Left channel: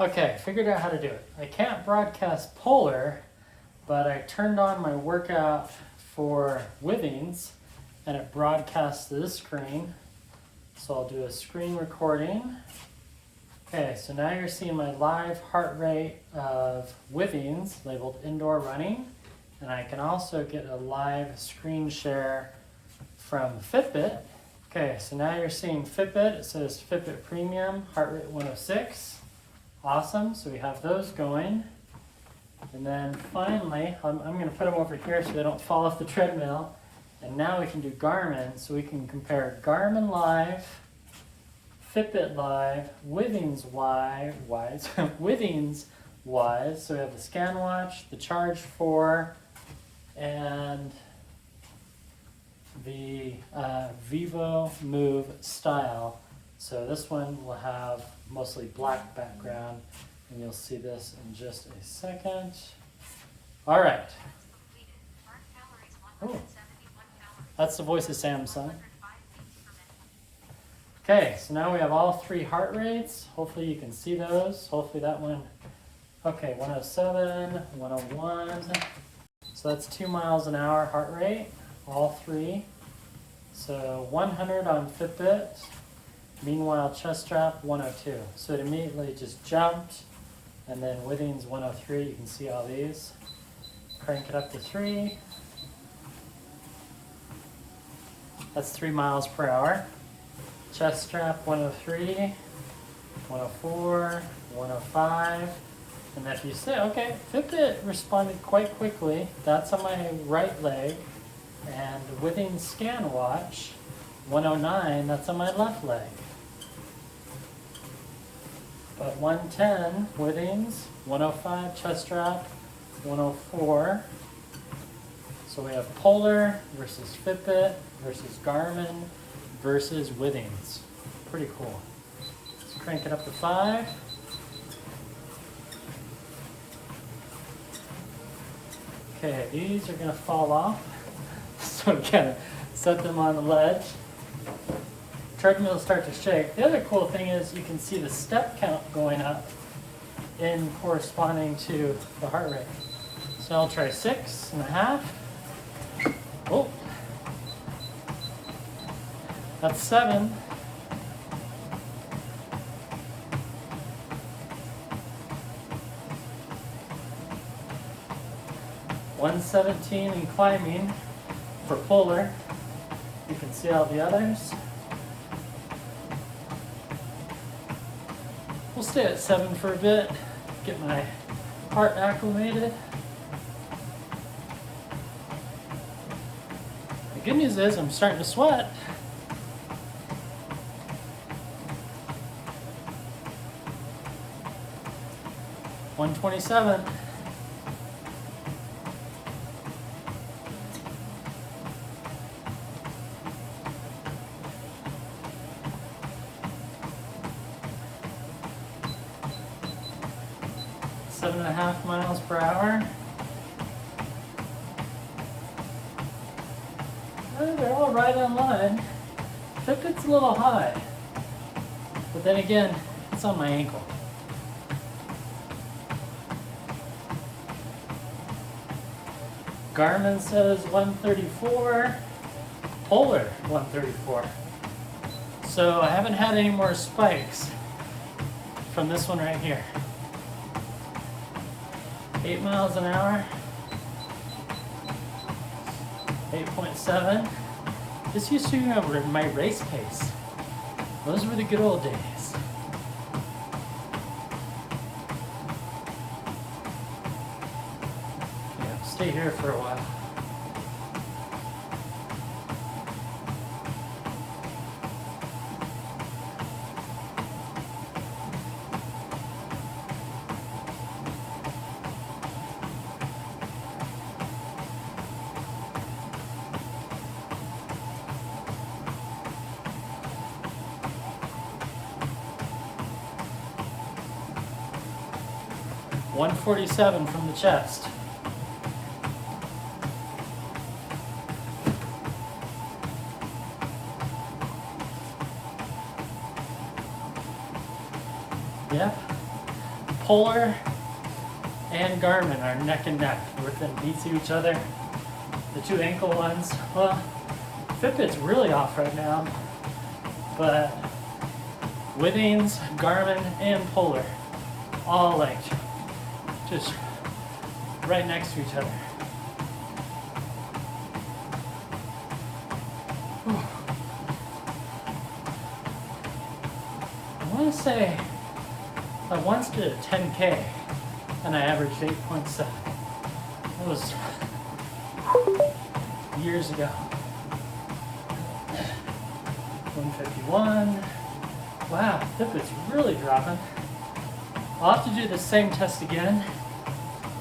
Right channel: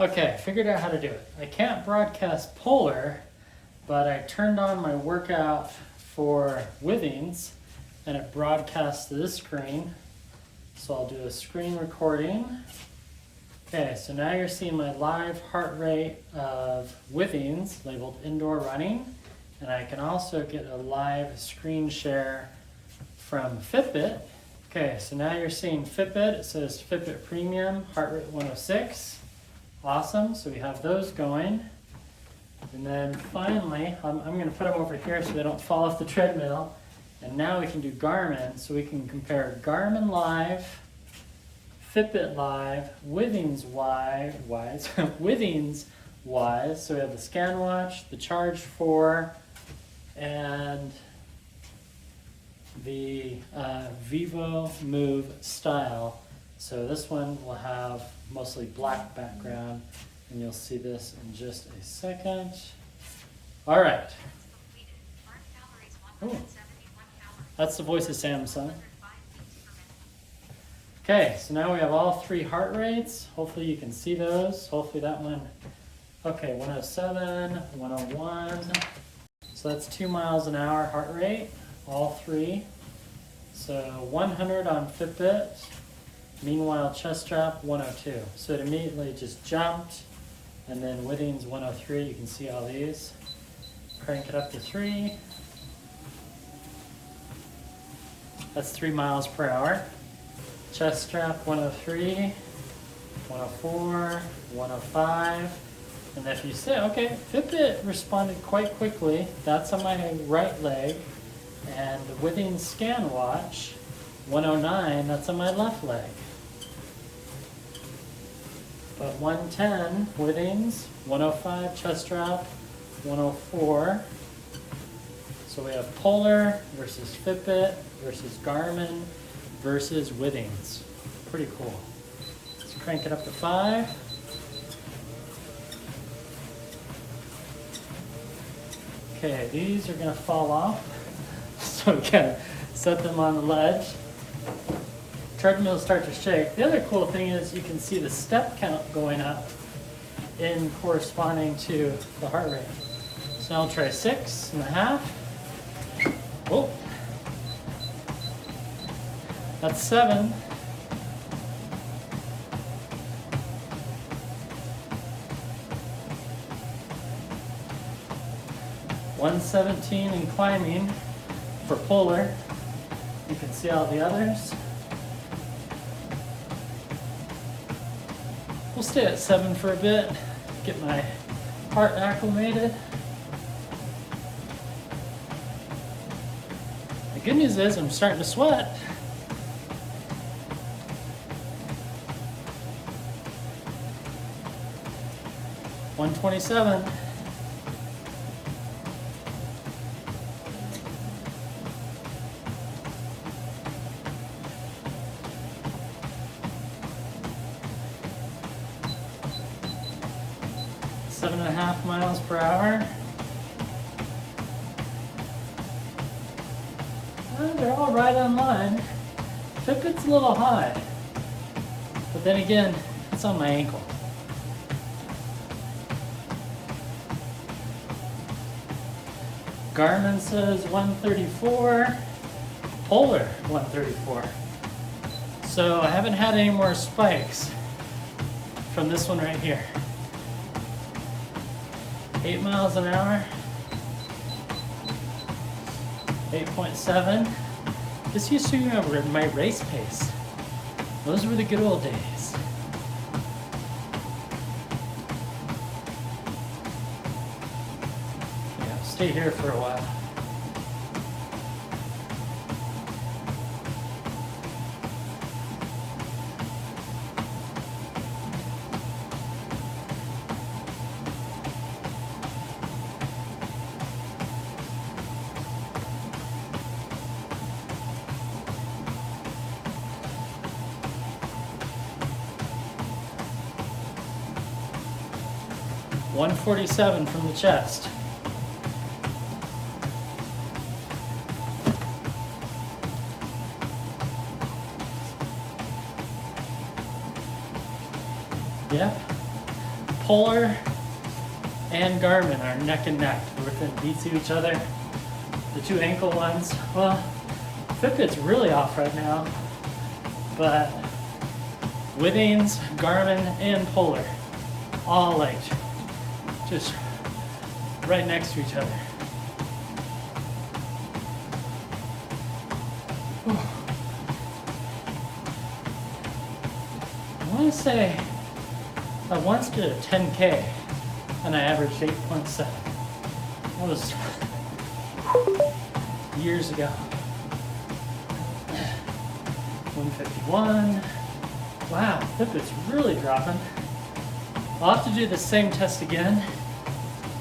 Okay, figured out how to do it. I can't broadcast Polar, but I turned on my workout for Withings and it broadcasts to this screen. So I'll do a screen recording. Okay, so now you're seeing my live heart rate of Withings labeled indoor running. And I can also get a live screen share from Fitbit. Okay, so now you're seeing Fitbit. It says Fitbit Premium, heart rate 106. Awesome, so we have those going. And then finally, I'm going to put them over here so they don't fall off the treadmill. And now we can do Garmin, so we can compare Garmin Live, Fitbit Live, Withings Wise. So we have the ScanWatch, the Charge 4, and the vivomove style. So this one will have mostly black background, and you'll see this in just a second. All right. Ooh, that's the voice of Samsung. Okay, so now we have all three heart rates. Hopefully you can see those. Hopefully that one, okay, 107, 101. So that's 2 miles an hour heart rate, all three. So 100 on Fitbit. Meanwhile, chest strap 102. So it immediately just jumped. And then Withings 103, you can see all these. Crank it up to 3. That's 3 miles per hour. Chest strap 103, 104, 105. And if you say, okay, Fitbit responded quite quickly. That's on my right leg. And Withings ScanWatch 109, that's on my left leg. But 110, Withings, 105, chest strap, 104. So we have Polar versus Fitbit versus Garmin versus Withings. Pretty cool. Let's crank it up to 5. Okay, these are gonna fall off. So we gotta set them on the ledge. Treadmills start to shake. The other cool thing is you can see the step count going up in corresponding to the heart rate. So I'll try 6.5. Oh, that's 7. $117 and climbing for Polar. You can see all the others. We'll stay at 7 for a bit, get my heart acclimated. The good news is I'm starting to sweat. $127. Seven and a half miles per hour. Well, they're all right on line. Fitbit's a little high, but then again, it's on my ankle. Garmin says 134, Polar 134. So I haven't had any more spikes from this one right here. 8 miles an hour, 8.7. This used to be my race pace. Those were the good old days. Yeah, stay here for a while. $147 from the chest. Yep. Polar and Garmin are neck and neck. They're within beats of each other. The two ankle ones, well, Fitbit's really off right now, but Withings, Garmin, and Polar, all like just right next to each other. Whew. I want to say I once did a 10K and I averaged 8.7. That was years ago. 151. Wow, Fitbit's really dropping. I'll have to do the same test again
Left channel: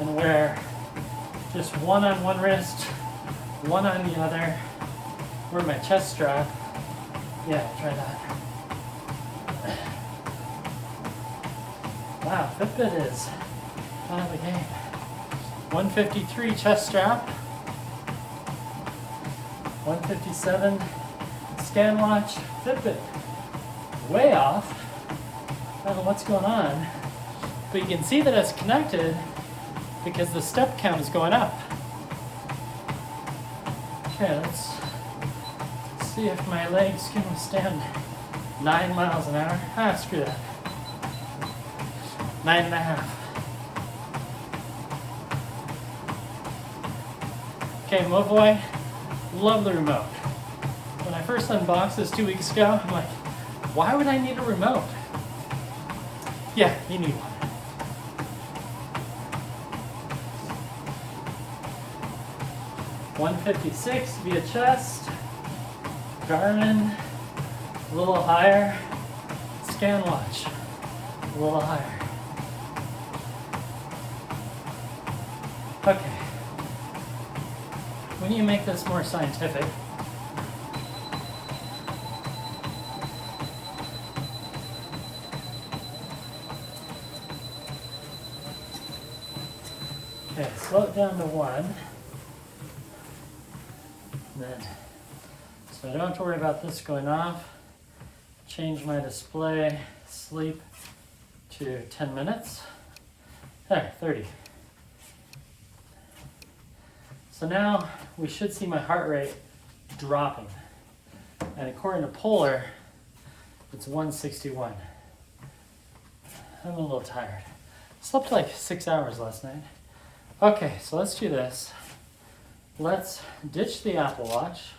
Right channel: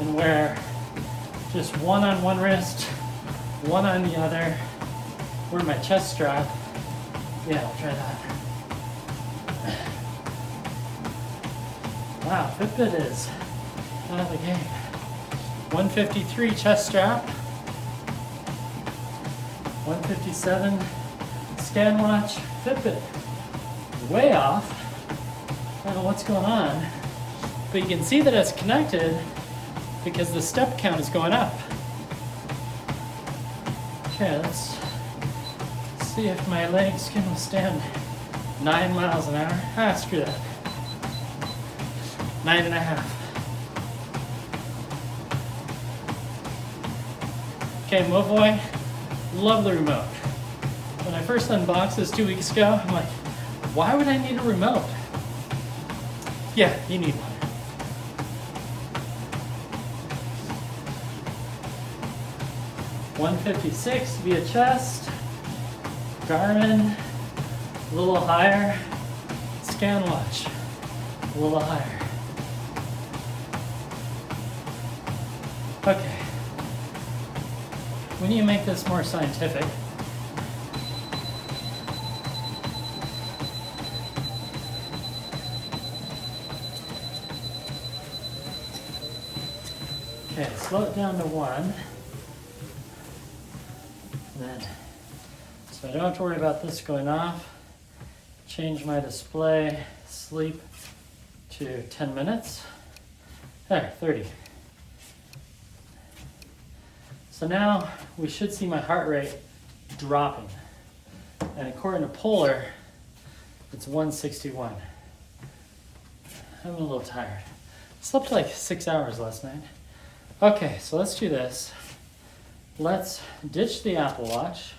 and wear just one on one wrist, one on the other. Wear my chest strap. Yeah, I'll try that. Wow, Fitbit is out of the game. 153 chest strap. 157 ScanWatch. Fitbit way off. I don't know what's going on, but you can see that it's connected because the step count is going up. Okay, let's see if my legs can withstand 9 miles an hour. Ah, screw that. 9.5. Okay, Mobvoi, love the remote. When I first unboxed this 2 weeks ago, I'm like, why would I need a remote? Yeah, you need one. $156 via chest, Garmin, a little higher, ScanWatch, a little higher. Okay, we need to make this more scientific. Okay, slow it down to 1. And then, so I don't have to worry about this going off. Change my display sleep to 10 minutes. There, 30. So now we should see my heart rate dropping. And according to Polar, it's 161. I'm a little tired. I slept like 6 hours last night. Okay, so let's do this. Let's ditch the Apple Watch.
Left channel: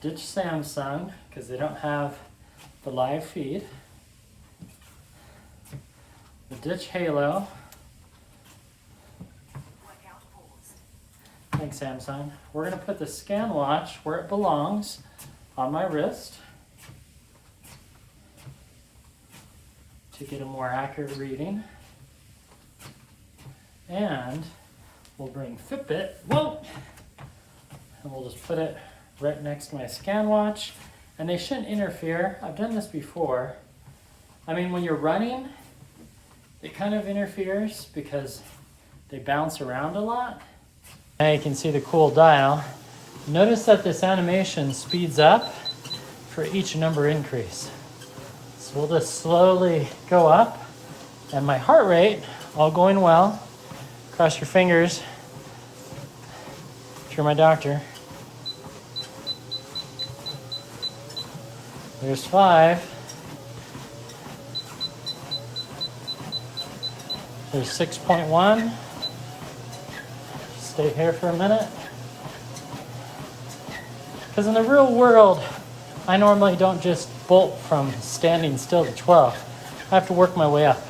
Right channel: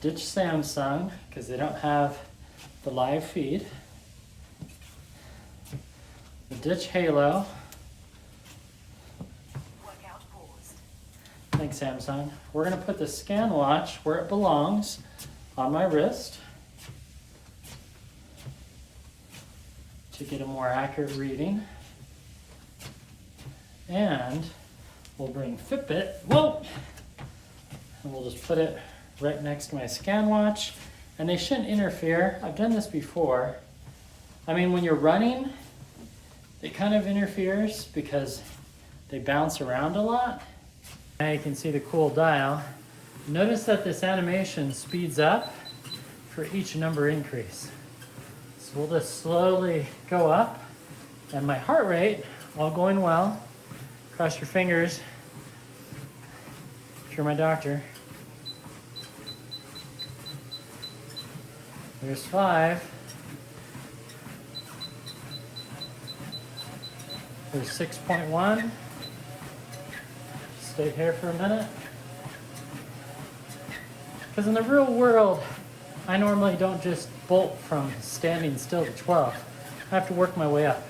Ditch Samsung, because they don't have the live feed. We'll ditch Halo. Thanks, Samsung. We're going to put the ScanWatch where it belongs, on my wrist, to get a more accurate reading. And we'll bring Fitbit, whoa, and we'll just put it right next to my ScanWatch. And they shouldn't interfere. I've done this before. I mean, when you're running, it kind of interferes because they bounce around a lot. Now you can see the cool dial. Notice that this animation speeds up for each number increase. So we'll just slowly go up, and my heart rate, all going well. Cross your fingers if you're my doctor. There's 5. There's 6.1. Stay here for a minute. Because in the real world, I normally don't just bolt from standing still to 12. I have to work my way up.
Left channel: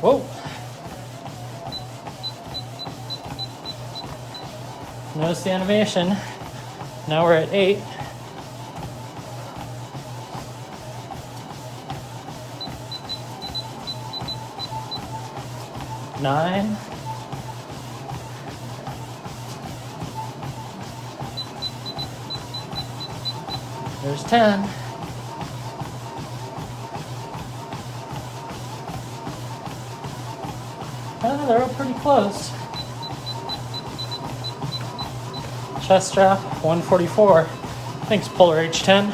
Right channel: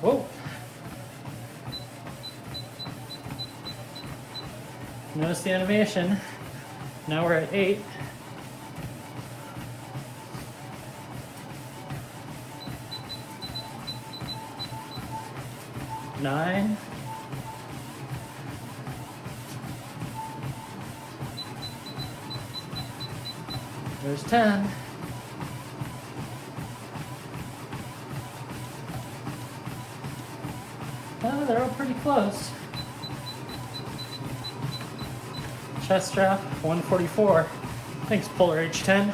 Whoa. Notice the animation. Now we're at 8. Nine. There's 10. Oh, they were pretty close. Chest strap, 144. Thanks, Polar H10.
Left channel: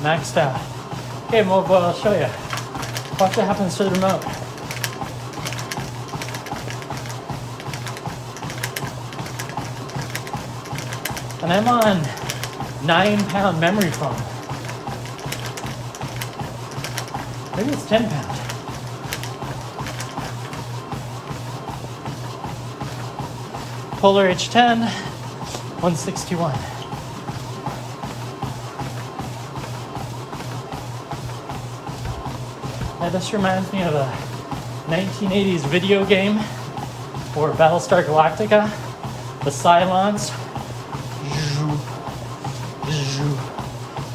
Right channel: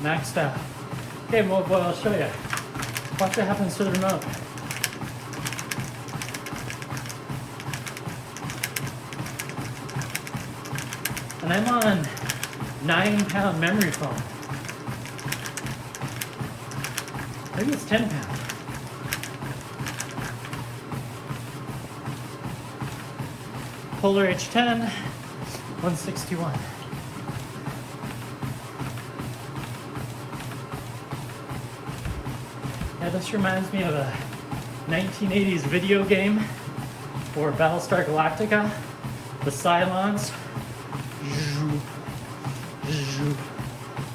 Maxed out. Okay, Mobvoi, I'll show you. Watch what happens to the remote. And I'm on 9-pound memory foam. Maybe it's 10 pound. Polar H10, 161. Yeah, this reminds me of a 1980s video game or Battlestar Galactica. The Cylons.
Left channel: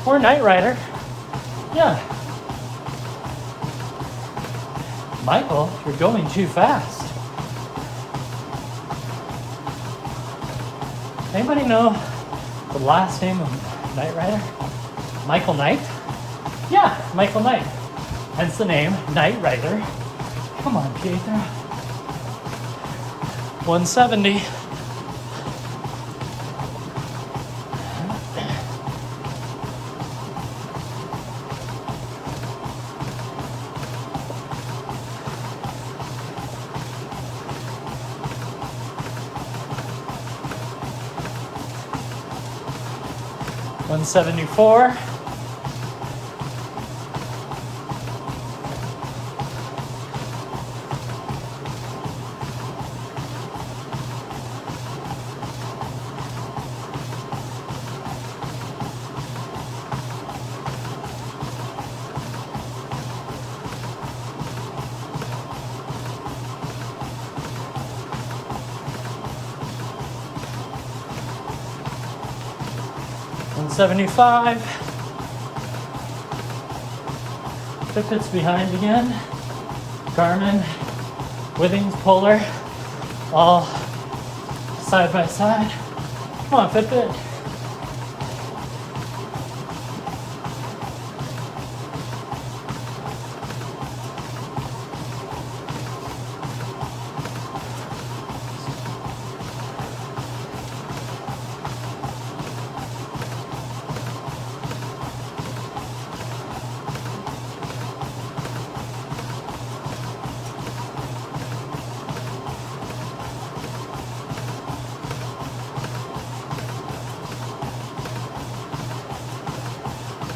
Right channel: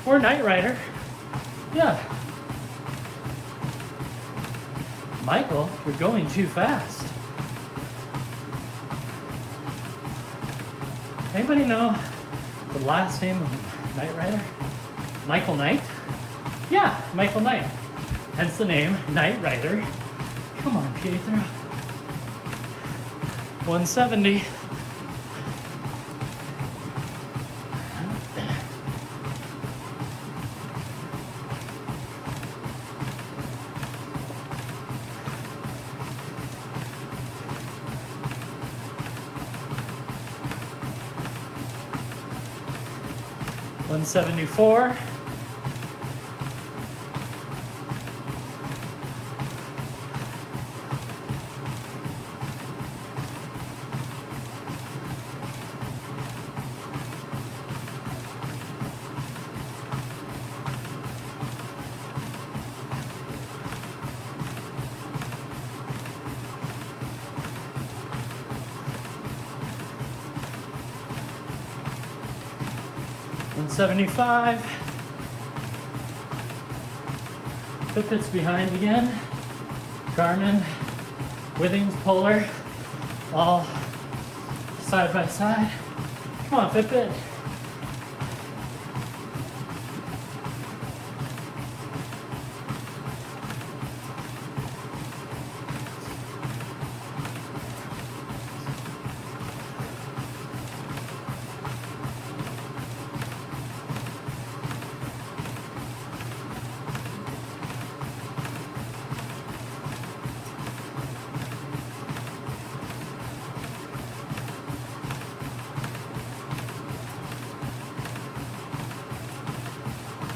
Or Knight Rider. Yeah. Michael, you're going too fast. Anybody know the last name of Knight Rider? Michael Knight? Yeah, Michael Knight. Hence the name Knight Rider. Come on, Pietro. 170. $174. $175. Fitbit's behind again. Garmin, Withings, Polar, all side by side. Come on, Fitbit.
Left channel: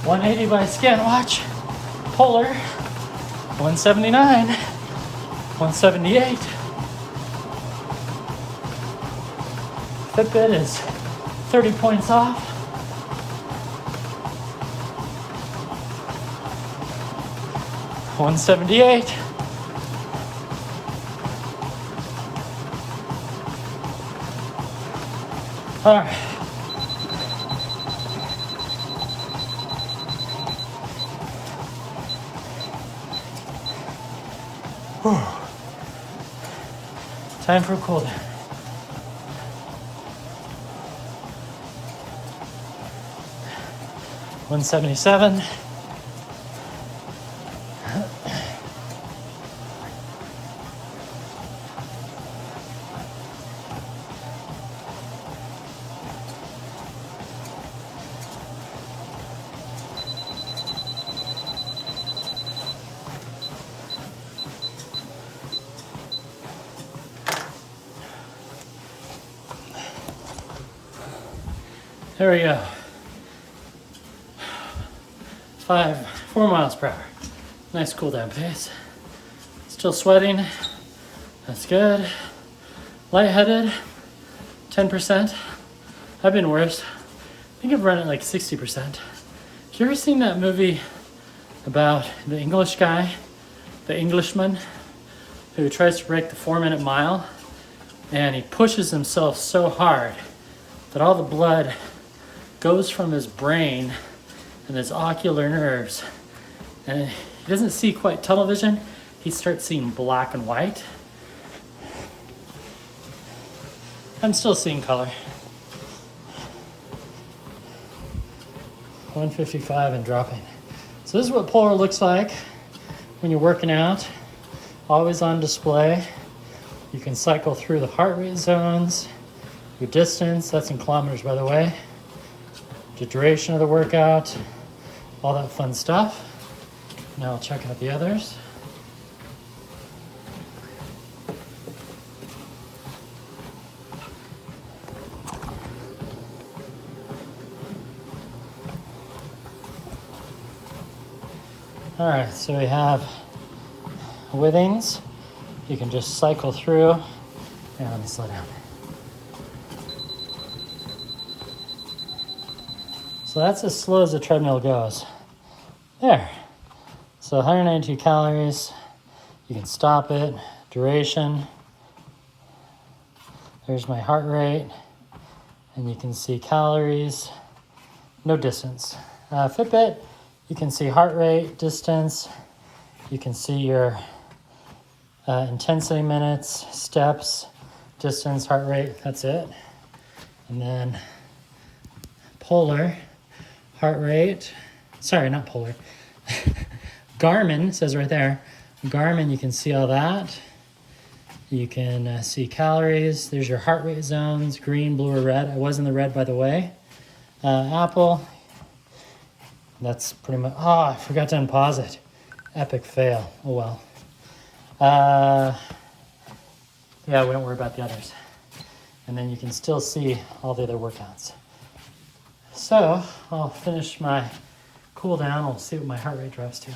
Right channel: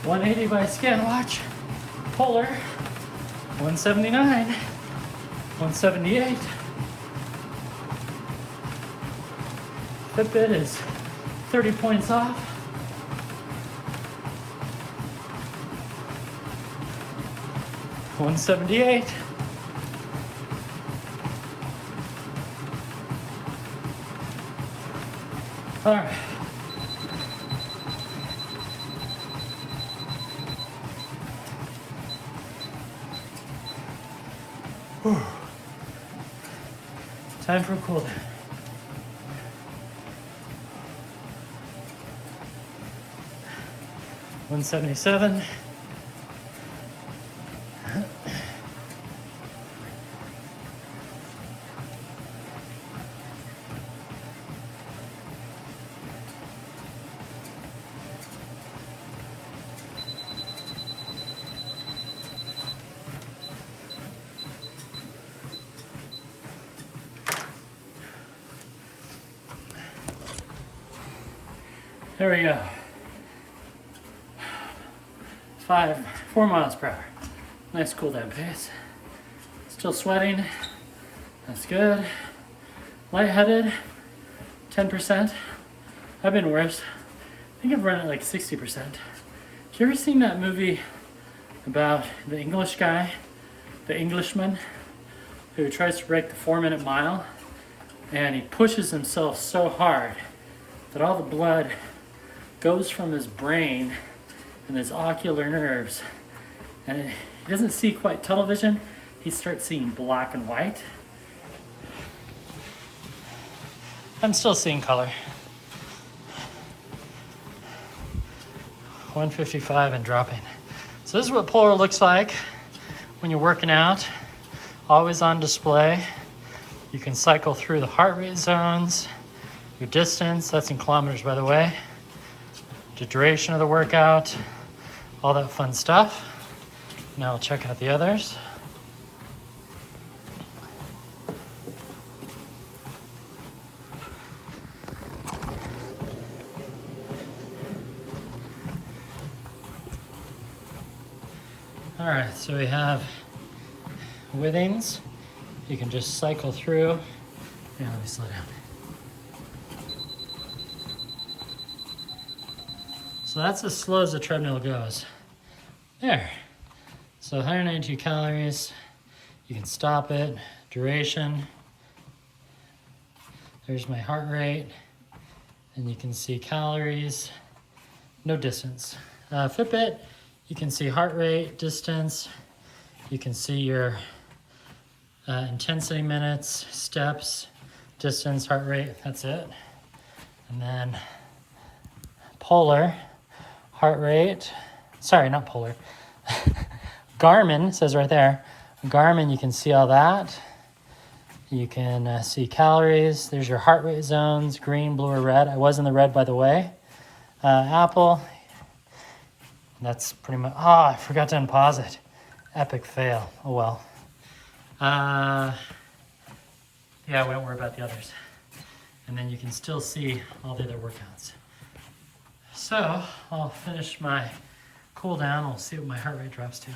$180 by ScanWatch, Polar, $179, $178. Fitbit is 30 points off. $178. All right. Whew. Time for a cool down. $177. There we go. 4 miles per hour. Nice cool down pace. Still sweating. That's good. Lightheaded. 10%. I've been worse. I think I've run it like 60%. You ever seen that movie about the English guy, the Englishman, who tries to break the 4-minute mile, and he pushes himself so hard that all the blood goes from his brain and his ocular nerves, and he doesn't see quite tunnel vision. He starts seeing black and white. I'm still seeing color. 155 and dropping. So this is what Polar looks like when you're working out. Always on display. You can cycle through the heart rate zones. Your distance, that's in kilometers by the way. The duration of the workout, all that fun stuff. Now I'll check out the others. All right, so we have Withings. You can just cycle through. Yeah, let me slow down. So that's as slow as the treadmill goes. There. So 192 calories. You can stop it. Duration. There's my heart rate. And you can see calories. No distance. Fitbit, you can see heart rate, distance. You can see your intensity minutes, steps, distance, heart rate. That's it. And then Polar, heart rate. Sorry, not Polar. Garmin says right there. Garmin, you can see all that. You can see calories. There's your heart rate zones, green, blue, or red. I was in the red, by the way. Apple. That's pretty much, I forgot to unpause it. Epic fail. Oh well. Yeah, we don't worry about the others. And then you can still see all the other workouts. So I'll finish my cool down. I'll see what my heart rate drops to.